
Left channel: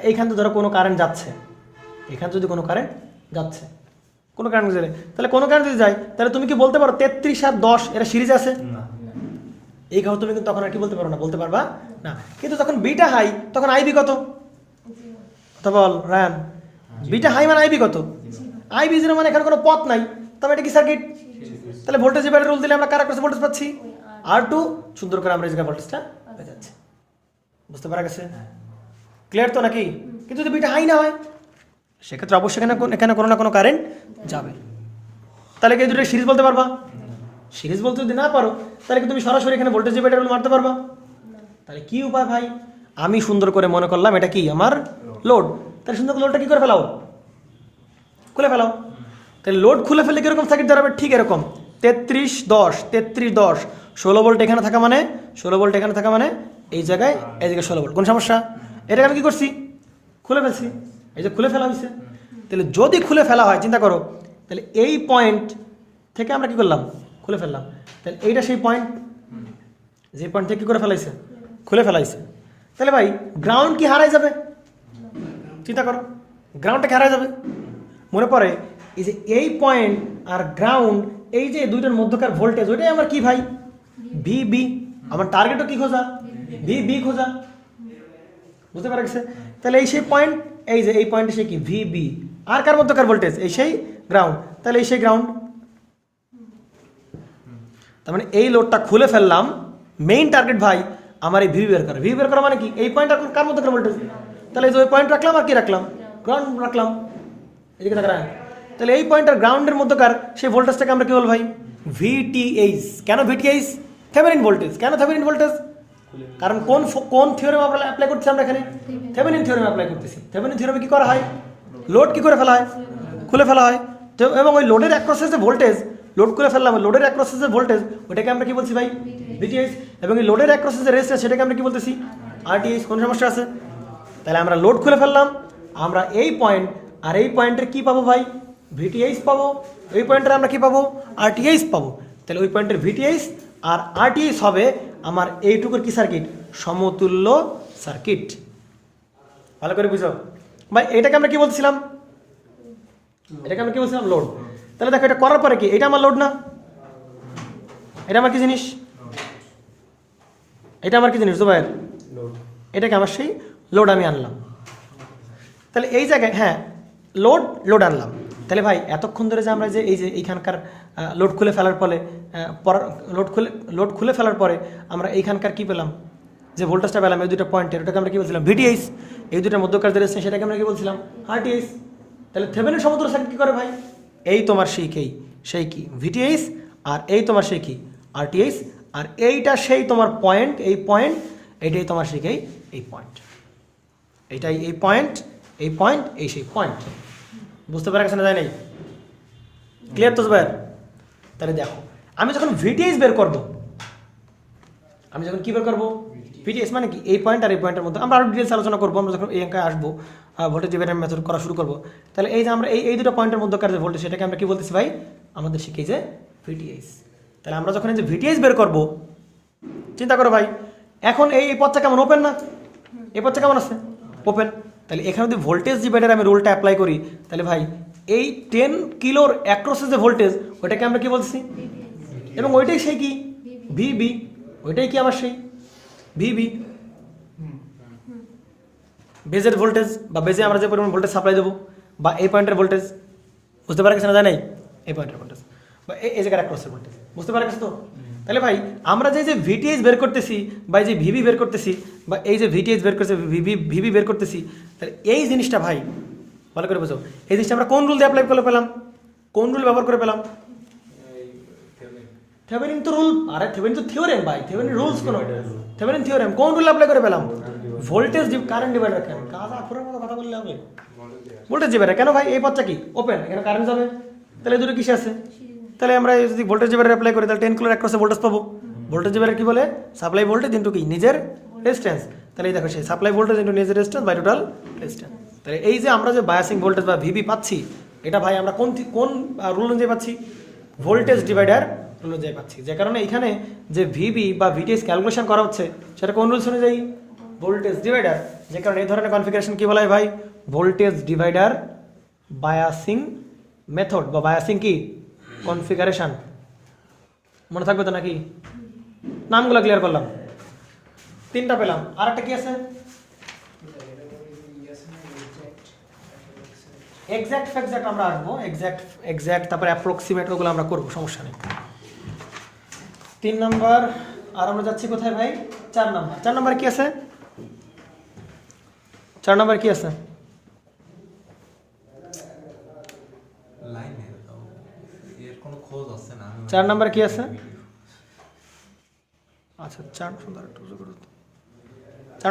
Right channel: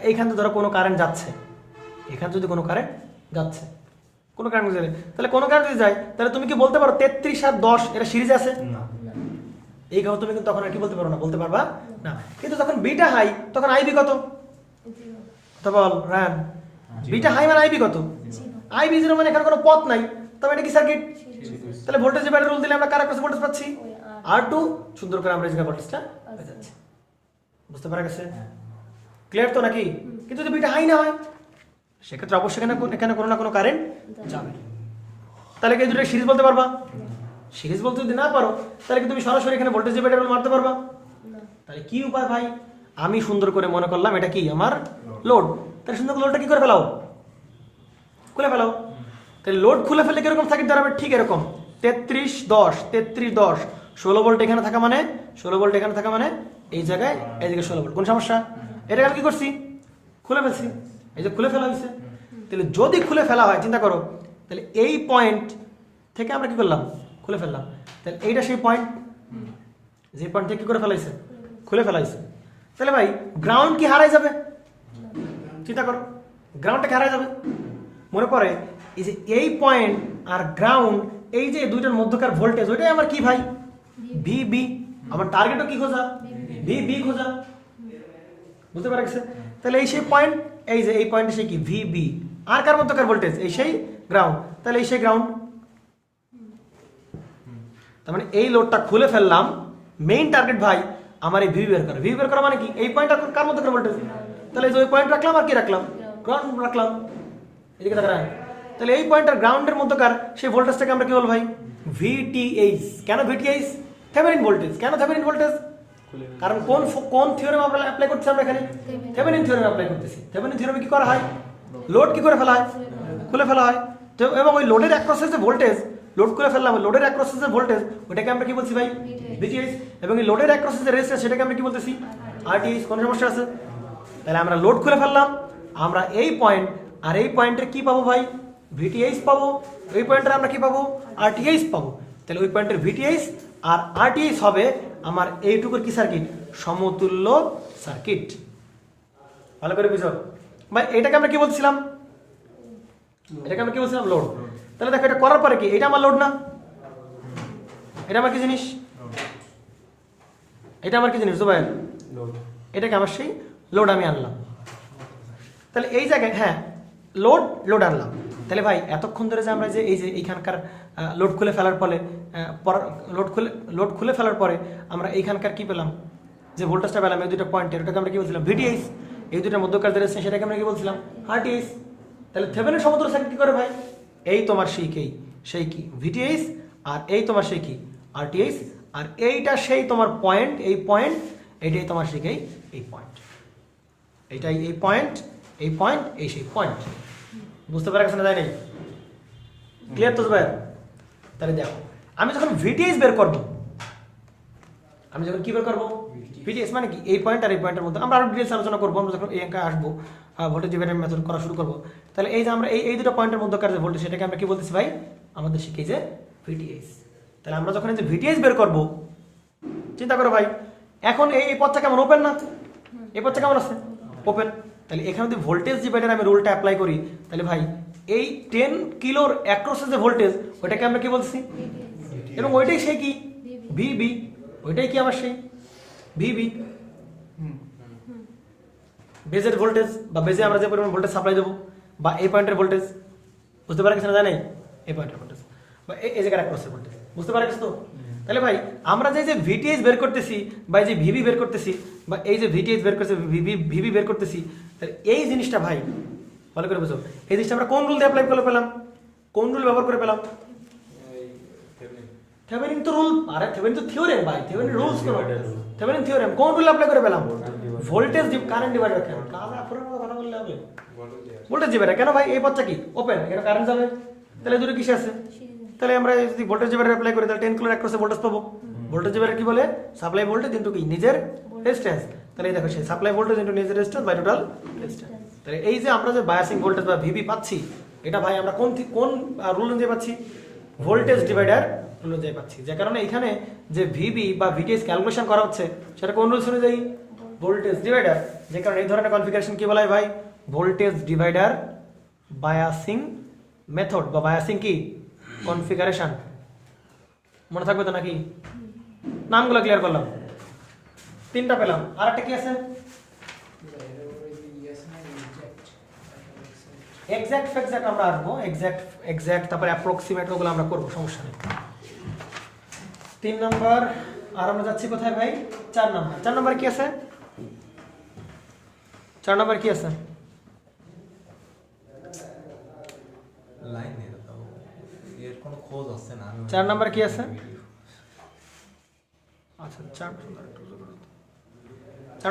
এইখান থেকে ধরো কোনো কারেন্ট যাচ্ছে, এখানে যদি কোনো কারেন্ট যাচ্ছে, কোনো কারেন্ট যাবে, তাহলে কোনো কারেন্ট যদি যায়, তাহলে তুমি কি বলতে পারো 33 আর 10 এটা সিরিজ আছে? এই কথা তুমি কিন্তু তখন আর কি বলতে পারো না, বলতে পারবা না। কিন্তু যখন বিটা হাই, তখন আইবি কত? তো বল রায়ান, বিটা হাই মানে আইবি কত? আইবি 0 মানে এখানে কোনো পথ নাই, তবে এটা কি সার্কিট? তাহলে ভোল্টেজ ডিভাইডার রুল দিলে আমরা কার অ্যাক্রসে ভোল্টেজ পাচ্ছি? R2। সুন্দর করে আমরা এই জায়গায় ভোল্টেজটা পেয়ে যাচ্ছি। বুঝতে পারা গেছে? ক্লিয়ার তো নাকি? কিন্তু যদি বিটা হাই না হয়, সেক্ষেত্রে অবশ্যই এখানে কোনো না কোনো কারেন্ট যাবে। তাহলে কি দুটো সিরিজ বলতে পারবা? সিরিজ বলতে যদি না পারো, তাহলে কি তুমি সরাসরি এখানে ভোল্টেজ ডিভাইডার মারতে পারবা? তাহলে কি উপায় ভাই? আমি সুন্দর করে মনে করলাম এটা কি আমার লোড। তাহলে সুন্দর লোডটা কি করে ফেলাও? খুলে ফেলাও। তাহলে লোড খুলে ফেললে কিরকম সার্কিট দাঁড়াবে? ঠিক এরকম 33 10 16 ভোল্ট এখানে থাকা মানে 16 ভোল্ট এখানে থাকা মানে এই জায়গায় 16 ভোল্ট। কোন সমস্যা? এটাকে আমি কি করছি? খুলে ফেলছি। এই যে খুলে ফেলা হয়েছে। তাহলে যদি খুলে ফেলা হয়, চিন্তা করো, তাহলে এই পয়েন্ট থেকে আমরা কি করলাম? খুলে ফেললাম। তাহলে এইটা সেই পয়েন্ট, যে পয়েন্ট থেকে কি করে ফেলাইছে? খুলে ফেলাইছে। তাহলে ভাই গ্রাউন্ড কি হারাই যাবে? চিন্তা করো, গ্রাউন্ডটা কি হারাই যাবে? মনে পড়ে এই যে এই পয়েন্ট আর গ্রাউন্ড, এই যে দুইটার মধ্যকার ভোল্টেজ, ওইটাই আমার কি ভাই? ভিবি। আমার টার্গেটও কি খোঁজা? ভিবি খোঁজা। বুঝতে পারছে? তাহলে এই সেই পয়েন্ট, এই যে এই পয়েন্টে সে কি? ভিবি। আর কার মধ্যকার ভোল্টেজ? এই সেই গ্রাউন্ড। তাহলে এই সেই গ্রাউন্ড। তার মানে এই লোডটা খুলে ফেললাম, মেইন টার্গেট ভাই আমার এই ভিবি বের করা। ভিবি বের করা মানে কি? এই পয়েন্ট কার মধ্যকার ভোল্টেজ? তাহলে এই যে ওই পয়েন্ট রাখলাম আর কি রাখলাম? গ্রাউন্ড রাখলাম। এদিকে দেখা যায়। তাহলে এই পয়েন্ট আর গ্রাউন্ডের মধ্যকার সেই ভোল্টেজটাকে আমরা কি বলবো ভাই? ভিটিএইচ। কেন ভিটিএইচ? Thevenin voltage. কেন থেভেনিন ভোল্টেজ? কারণ কোন থিওরেম আমরা অ্যাপ্লাই করতেছি? আমরা এখানে থেভেনিন থিওরেম অ্যাপ্লাই করতেছি। থেভেনিন থিওরেমে কি করা হয়? লোড কি করে ফেলা হয়? খুলে ফেলা হয়। তো এবং ওই লোডের অ্যাক্রসের যে ভোল্টেজ, লোড খুলে ফেললাম, লোডের অ্যাক্রসের যে ভোল্টেজ, ওটাকে আমরা কি বলছি ভাই? ভিটিএইচ। এবং এই লোডের অ্যাক্রসের যে রেজিস্ট্যান্স, সেটাকে আমরা কি বলতেছি? আরটিএইচ। কোন সমস্যা আছে? তাহলে আমরা লোড খুলে ফেললাম, আমরা এই পয়েন্ট আর এই পয়েন্টের কি পাবো ভাই? ভিটিএইচ পাবো। ওই পয়েন্টের আমরা কি পাবো? আরটিএইচ পাবো। তাহলে ওই পয়েন্টের ভিটিএইচ আর আরটিএইচ হবে আমার এইটুকুর কি সার্কিট? সমতুল্য সার্কিট। ভালো করে বুঝো ভাই। এটাকে আমরা কি বলছিলাম? এটাকে আমরা কি বলছিলাম? লোড। তাহলে দেখো, এটা করার পরে কি? এটা আমার লোড না? এটা আমার কি জিনিস? এটা আমার কি জিনিস ভাই? এটাকে আমার সেই লোড আমি আনলাম। তাহলে এই জায়গায় হ্যাঁ লোড আনলাম। তাহলে ভাই এতক্ষণ ধরে যে আমরা যে এই যে এইখানকার লোড খুলে ফেলার ফলে লোড খুলে ফেলার পরে আমরা এইখানকার কি পেলাম? যে ভোল্টেজটা পেলাম এই দুটো পয়েন্টের, ওটাকে আমরা কি বলছিলাম? ভিটিএইচ। এই দুটোর মধ্যকার যে রেজিস্ট্যান্স, সেটাকে আমরা কি বলছিলাম? আরটিএইচ। তাহলে থেভেনিন সমতুল্য সার্কিট কি করে ভাই? এই তোমার সেই কি ভিটিএইচ, আর এই তোমার সেই কি আরটিএইচ, আর এইটা সেই তোমার পয়েন্ট, এই পয়েন্ট, এইটাই তোমার সেই এই পয়েন্ট, এইটাই এই পয়েন্ট, এই পয়েন্ট, এই সেই পয়েন্ট। বুঝতে পারা গেছে না? যায় নাই? ক্লিয়ার তো ভাই? তাহলে দেখো, আমি যখন ভিটিএইচ বের করব, আমি যখন কি বের করবো? ভিটিএইচ মানে কি? এই পয়েন্ট আর এই পয়েন্টের মধ্যে আমরা আরো ডিটেলস আলোচনা করবো। আমরা যখন এই অঙ্কে আসবো, ভোল্টেজ ডিভাইডার মেথড করা শুরু করবো, তাহলে এই যে আমরা এই দুটো পয়েন্টের মধ্যকার যে ভোল্টেজ, সেটাকে আমরা কি বলতেছি ভাই? আমাদের শিখে যে ভিটিএইচ। তাহলে আমরা যখন এই যে ভিটিএইচ বের করবো, চিন্তা করো ভাই, এখন এই পথটা কেমন? ওপেন না? এই পথটা কেমন আছে? ওপেন। তাহলে এখানে যদি ভোল্টেজ ডিভাইডার আমি রুলটা অ্যাপ্লাই করি, তাহলে ভাই এই 10 কিলোর অ্যাক্রসের যে ভোল্টেজ, ওইটাকে আমরা কি বলছি? এবং ওইটাই সেই কি? ভিবি। ওইটাই কি আমার সেই ভিবি। বেজের ভোল্টেজ বা বেজে আমরা যে পরিমাণ ভোল্টেজ সাপ্লাই দেবো, বা এই পয়েন্টের ভোল্টেজ, বুঝতে পারা গেছে না? যায় নাই? এই পয়েন্টের ভোল্টেজ বা এই জায়গার অ্যাক্রসের ভোল্টেজ, বুঝতে পারা গেছে তো? তাহলে ভাই আমরা যে ভিটিএইচ বের করতেছি, বা যে ভিবি বের করতেছি, বা এই যে ভিটিএইচ বের করতেছি, ভিবি বের করতেছি, তাহলে এই জিনিসটা ভাই ভালো করে বুঝো, এই জিনিসটা আমরা কোন রুল দিয়ে অ্যাপ্লাই করে পেলাম? কোন রুল ব্যবহার করে পেলাম? থেভেনিন তো রুল। আরে থেভেনিন তো থিওরেম ভাই, থেভেনিন রুলস কোন? Thevenin theorem. কোন রুল অ্যাপ্লাই করে পেলাম? Voltage current divider. কেন কাজা পুরো কথা বললে হবে? Voltage divider. কেন ভাই? এই পথটা কি? ওপেন। এখানে কারেন্ট যাবে। তাহলে দুটো কিসে আছে? তাহলে আমরা যদি ভোল্টেজ ডিভাইডার অ্যাপ্লাই করি, তাহলে 10 কিলোর অ্যাক্রসে ভোল্টেজ পাবো। ভোল্টেজ ডিভাইডার কি বলে? সাপ্লাই ভোল্টেজ ইনটু কি? নিজের রেজিস্ট্যান্স। তাহলে এই দেখো সেই সাপ্লাই ভোল্টেজ ইনটু নিজের রেজিস্ট্যান্স বাই টোটাল রেজিস্ট্যান্স। তাহলে এই যে আমরা যে বায়াসিং ভোল্টেজ বা ভিবি পাচ্ছি, এটা ভাই আমরা কোন রুল অনুযায়ী পাচ্ছি? ভোল্টেজ ডিভাইডার অনুযায়ী পাচ্ছি। যে কারণে এখানে যে ভিবি বা ভিটিএইচ ক্যালকুলেশন করা হচ্ছে, সেটা কোন রুলস অনুযায়ী? Voltage divider. যে কারণে এই ধরনের কনফিগারেশন কি বলা হয় ভাই? ভোল্টেজ ডিভাইডার বায়াসিং মেথড বা বায়াসিং কি কনফিগারেশন। মনে থাকবে তো নাকি? নামগুলো ক্লিয়ার করলাম, 3টা পেলাম। আর একটা কি আছে? এক্সাক্ট ফ্যাক্ট আমরা আসবো, এক্সাক্ট তারপরে অ্যাপ্রক্সিমেট, ওগুলো আমরা করবো, সমস্যা নেই। 3 নম্বর। আর আমরা যাচ্ছি কোথায় ভাই? 4 নম্বর। 4 নম্বর কি আছে? 4 নম্বর কি আছে? লাইনে দাও, এর কোনো খোঁজ আছে না। 4 নম্বর কি আছে? আচ্ছা 4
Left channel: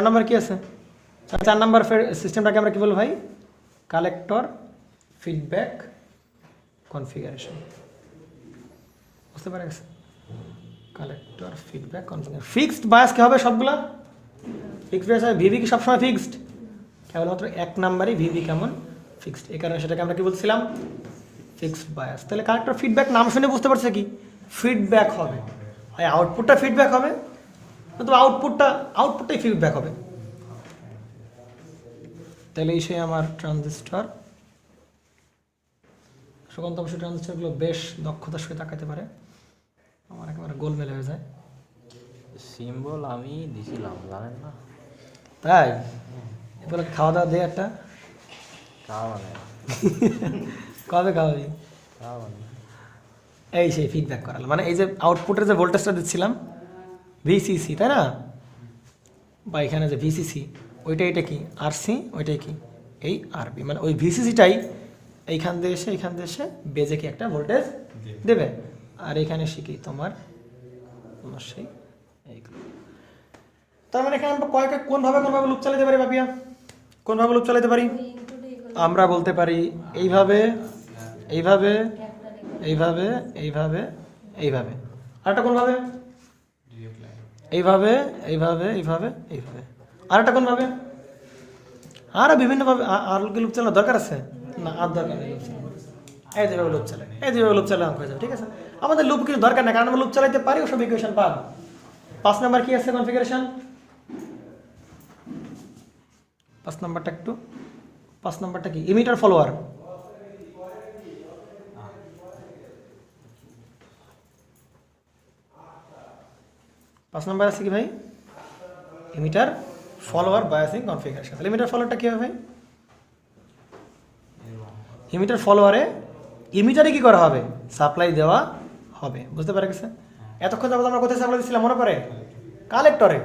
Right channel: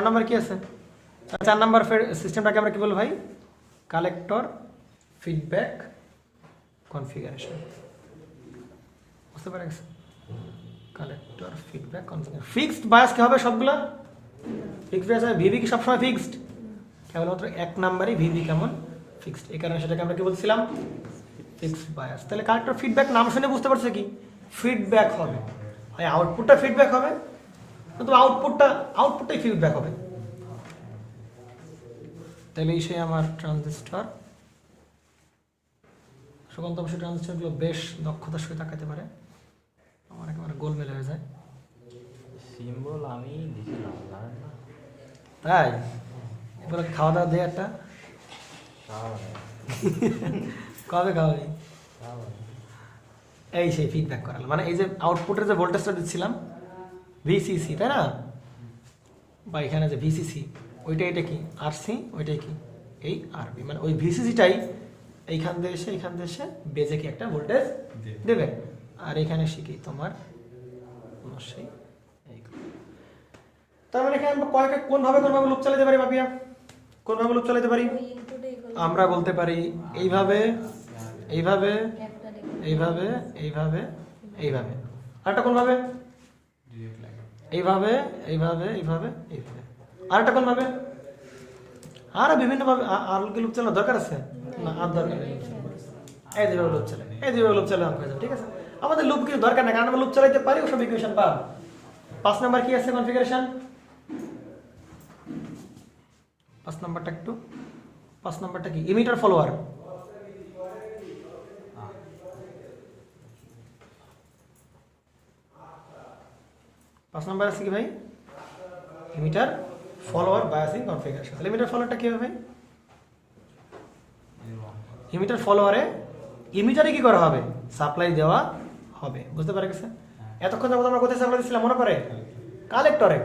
নম্বর কি আছে? 4 নম্বর সিস্টেমটাকে আমরা কি বলবো ভাই? Collector feedback configuration. বুঝতে পারা গেছে? Collector feedback configuration fixed bias কি হবে সবগুলা ফিক্সড বায়াস ভিভি কি সবসময় ফিক্সড কেবলমাত্র এক নাম্বারই ভিভি কেমন ফিক্সড এই কারণে সেটাকে আমরা কি বলছিলাম ফিক্সড বায়াস তাহলে কালেক্টর ফিডব্যাক নাম শুনে বুঝতে পারছে কি ফিডব্যাক হবে আর আউটপুটটা ফিডব্যাক হবে কিন্তু আউটপুটটাই ফিডব্যাক হবে তাহলে এই সেই আমার ট্রানজিস্টর সুকান্ত অবশ্যই ট্রানজিস্টরগুলো বেশ দক্ষতার সাথে তাকাতে পারে আমার একেবারে গোলমেল হয়ে যায় সিম্বল আমি দিছিলাম জানেন না তাই এগুলো খাওয়া দাওয়া দিয়ে একটা তাও নেই, কবে খাওয়াবি তাও নেই। এই সেই ফিডব্যাক করাল মানে এই যে আউটপুটের যে ভোল্টেজটা দিচ্ছিলাম ভিসিসি তাই না বা এখানে যে ভিসিসি ওইটা এটা কি আরসি ওইটাই কি এই আরবি মানে ওই ভিসিসিটাই এইখান দিয়ে এসে বেজে কি একটা ভোল্টেজ দেবে আর এখানে শিখি তোমার সেই তার মানে এখানে আমরা কোনভাবে লুপ চালাতে পারি বাপিয়া কোনভাবে লুপ চালাতে পারি আমরা বলতে পারি এইভাবে এইভাবে এইভাবে এইভাবে এইভাবে আরেকটা কোনভাবে ডিরেক্ট লাইন এইভাবে এইভাবে এইভাবে এইভাবে আরেকটা কোনভাবে আরো বিভিন্নভাবে আর কি লুপ চালানোর দরকার আছে না আর দরকার নেই এই যেভাবে লুপ চালাই এই যেভাবে লুপ চালানো হয়ে যাবে ঠিক আছে আমাদের লুপ কিছু দরকার নেই কারণ আমরা লুপ চালাইতে পারি সব ইকুয়েশন পাব 5 নাম্বার কি আছে কনফিগারেশন 5 নাম্বারটা একটু 5 নাম্বারটা কি ইমিটার ফলোয়ার পাঁচ নাম্বার আছে কি ভাই ইমিটার ফলোয়ার বায়াসিং কনফিগারেশন তাহলে ইমিটার ফলোয়ারটা কি হবে ইমিটার ফলোয়ারে ইমিটারে কি করা হবে সাপ্লাই দেওয়া হবে বুঝতে পারা গেছে এতক্ষণ যাবত আমরা কোথায় সাপ্লাই দিচ্ছিলাম মনে পড়ে কালেক্টরে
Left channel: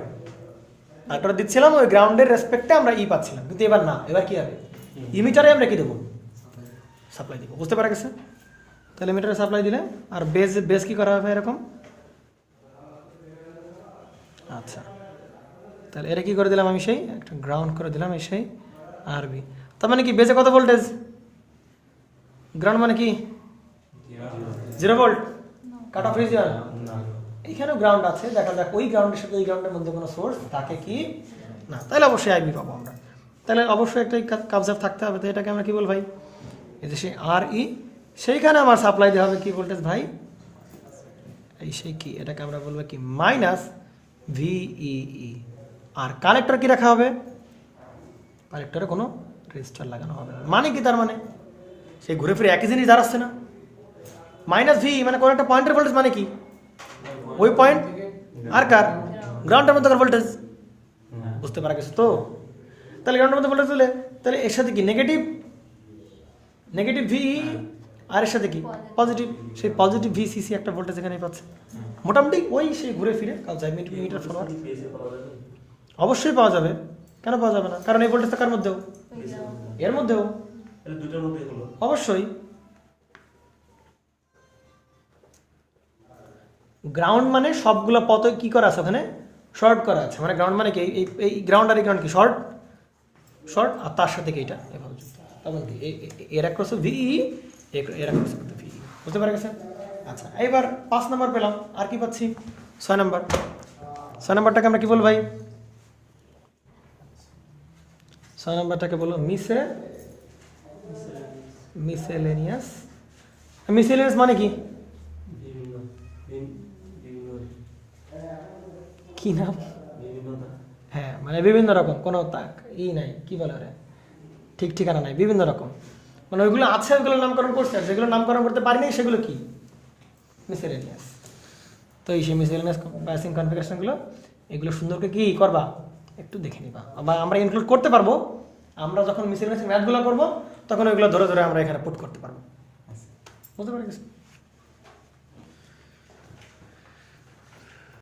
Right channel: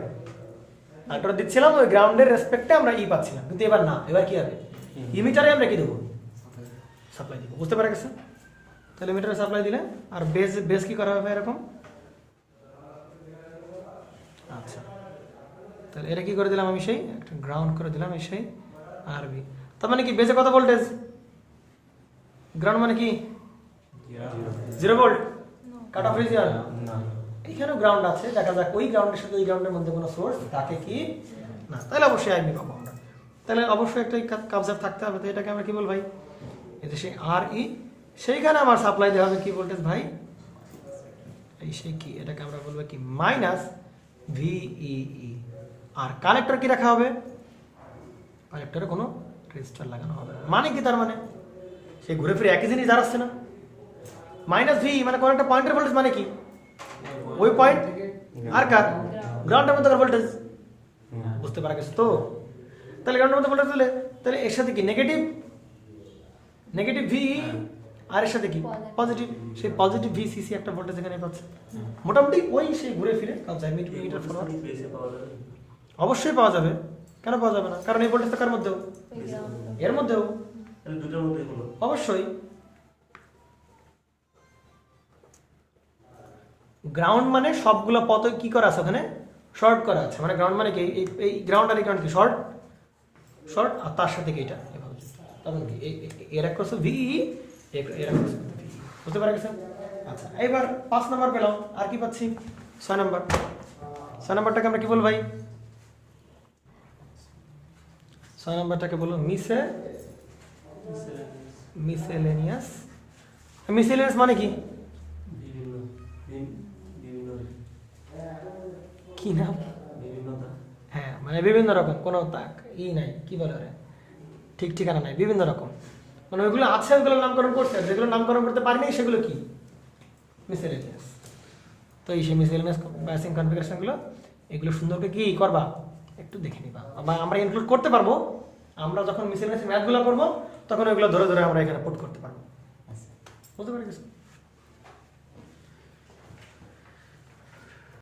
দিচ্ছিলাম ওই গ্রাউন্ডের রেসপেক্টে আমরা পাচ্ছিলাম কিন্তু এবার না এবার কি হবে ইমিটারে আমরা কি দেবো সাপ্লাই দিব বুঝতে পারা গেছে তাহলে ইমিটারে সাপ্লাই দিলে আর বেস কি করা হবে এরকম আচ্ছা তাহলে এটা কি করে দিলাম আমি সেই একটা গ্রাউন্ড করে দিলাম এই সেই আরবি তার মানে কি বেসে কত ভোল্টেজ গ্রাউন্ড মানে কি 0 ভোল্ট কাট অফ হয়েছে এইখানেও গ্রাউন্ড আছে দেখা যাক ওই গ্রাউন্ডের সাথে ওই গ্রাউন্ডের মধ্যে কোনো সোর্স থাকে কি না তাহলে অবশ্যই আইবি পাবো আমরা তাহলে অবশ্যই একটা কাবজার থাকতে হবে তো এটাকে আমরা কি বল ভাই এই যে সেই আর ই সেইখানে আমার সাপ্লাই দেওয়া হবে কি ভোল্টেজ ভাই এই সেই কি এটাকে আমরা বলবো কি মাইনাস ভিই আর কানেক্টর কি রাখা হবে কানেক্টরে কোনো রেজিস্টার লাগানো হবে মানে কি তার মানে সেই ঘুরে ফিরে একই জিনিস দাঁড়াচ্ছে না মাইনাস ভি মানে কোনো একটা পয়েন্টের ভোল্টেজ মানে কি ওই পয়েন্ট আর কার গ্রাউন্ডের মধ্যে ভোল্টেজ বুঝতে পারা গেছে তো তাহলে গ্রাউন্ডের মধ্যে ভোল্টেজ দিলে তাহলে এর সাথে কি নেগেটিভ ভি আর এর সাথে কি পজিটিভ সেই পজিটিভ ভিসিসি একটা ভোল্টেজ এখানে পাচ্ছে মোটামুটি ওই সেই ঘুরে ফিরে মিটার ফলোয়ার অবশ্যই পাওয়া যাবে কেন পাওয়া যাবে না কারণ এই ভোল্টেজটা কার মধ্যেও এর মধ্যেও অবশ্যই গ্রাউন্ড মানে সবগুলো পথ কি করা আছে ওখানে শর্ট করা আছে মানে গ্রাউন্ড মানে কি এই গ্রাউন্ড আর এই গ্রাউন্ড কি শর্ট আর তার সাথে কি এটা তখন কি এর এক প্রশ্ন ভিই এর এক প্রশ্ন ভিই বুঝতে পারা গেছে আচ্ছা এইবার 5 নাম্বার পেলাম আর কি পাচ্ছি 6 নাম্বারটাকে আমরা কি বলবো ভাই 6 নাম্বারটাকে বলবো মিসেলেনিয়াস মানে কি কি নাম হ্যাঁ মানে বিভিন্ন রকম কোনো নাই কি বলে রে ঠিক ঠিকানা নাই বিভিন্ন রকম মানে ওইগুলো আছে ওইগুলো নামকরণ করছে যেগুলো নামকরণ করতে পারিনি সেগুলো কি মিসেলেনিয়াস তো এই সেই মিসেলেনিয়াস বায়াসিং কনফিগারেশনগুলো এগুলো সুন্দর করে কি করবা একটু দেখে নিবা আমরা ইনক্লুড করতে পারবো আমরা যখন মিসেলেনিয়াস ম্যাথগুলো করবো তখন ওইগুলো ধরে আমরা এখানে পুট করতে পারবো বুঝতে পারছিস